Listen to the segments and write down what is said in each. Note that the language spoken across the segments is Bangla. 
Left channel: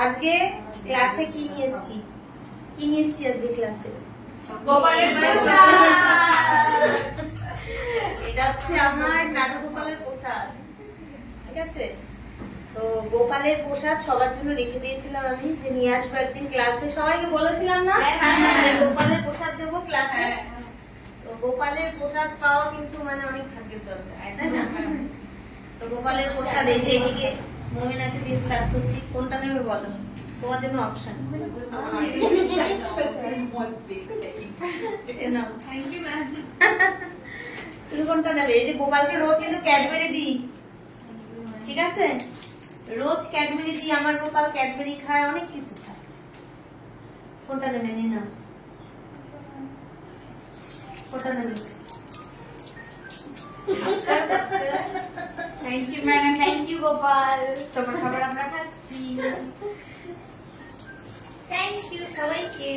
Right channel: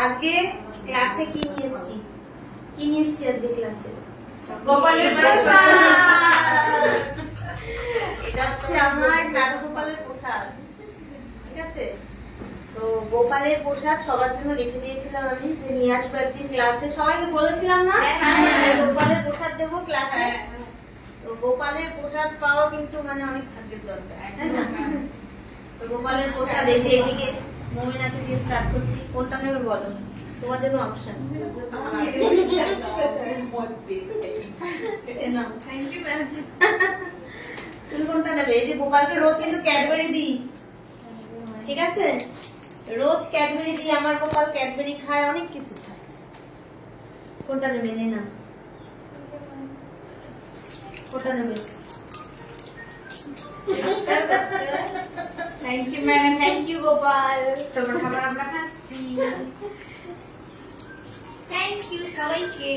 আজকে ক্লাসে কি নিয়ে এসেছি আজকে ক্লাসে? এটা হচ্ছে আমার নাটক গোপালের প্রসাদ, ঠিক আছে? তো গোপালের প্রসাদ সবার জন্য রেখে দিয়েছিলাম আমি, যে নিয়ে আসবো একদিন ক্লাসে। সবাইকে বলেছিলাম না গোপালের প্রসাদ দেবো ক্লাসে? তো গোপালের প্রসাদ পাওয়া কিন্তু মানে অনেক ভাগ্যের দরকার, তাই না? তো গোপালের প্রসাদ এই যে এদিকে মোমেনাকে দিয়ে স্টার্ট করছি। কোনটা নেবে বলো, তোমার জন্য অপশন। তুমি কোনটা নেবে? এই যে গোপালকে রোজ কিন্তু ক্যাডবেরি দিই, ঠিক আছে? রোজ ক্যাডবেরি দিই, আমার গোপাল ক্যাডবেরি খায়, অনেক কিছু খায়। কোনটা নেবে? নিয়ে নাও। কোনটা নেবে? Thank you madam, thank you Gopal. তোমার খাবার আমরা খাচ্ছি। থ্যাংক ইউ সবাইকে।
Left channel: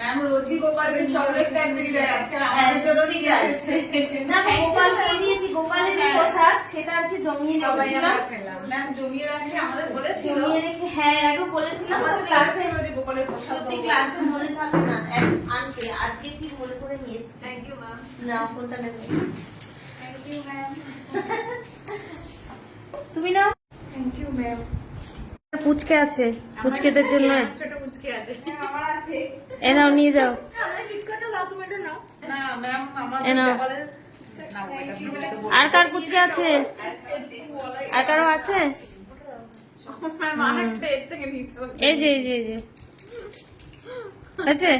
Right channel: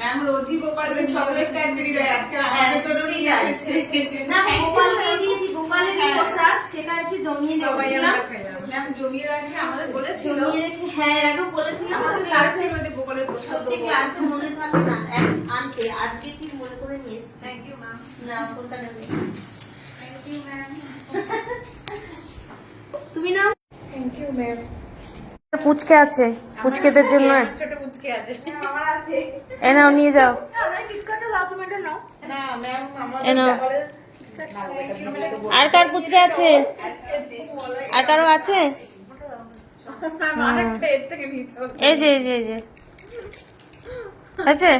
ম্যাম রোজই গোপালের চকলেট ক্যাডবেরি দেয়, আজকে আমাদের জন্য নিয়ে যাচ্ছে। না গোপালকে দিয়েছি, গোপালের প্রসাদ সেটা আর কি জমিয়ে রেখেছিলাম। ম্যাম জমিয়ে রাখে আমাদের বলেছিল, জমিয়ে রেখে, হ্যাঁ এর আগে বলেছিলাম আমাদের ক্লাসে গোপালের প্রসাদ সত্যি ক্লাসে মনে থাকে না আনতে, আজকে ঠিক মনে করে নিয়ে এসেছি। Thank you ma'am. না কোনটা নেবে? Thank you ma'am. তুমি নাও। Thank you ma'am. পুচকে আছে, পুচকেদের জন্য ছোট পুচকে আছে, আমার আছে। এ নাও, নিয়ে যাও। আমার কিটকাটটা লাও, তুমি এটা নাও। না ম্যাম আমাদের এ নাও। গোপালের আর কার পুচকে আছে? আর কারো আছে? আরেকটা এর থেকে নিতে হবে। এই যে আছে।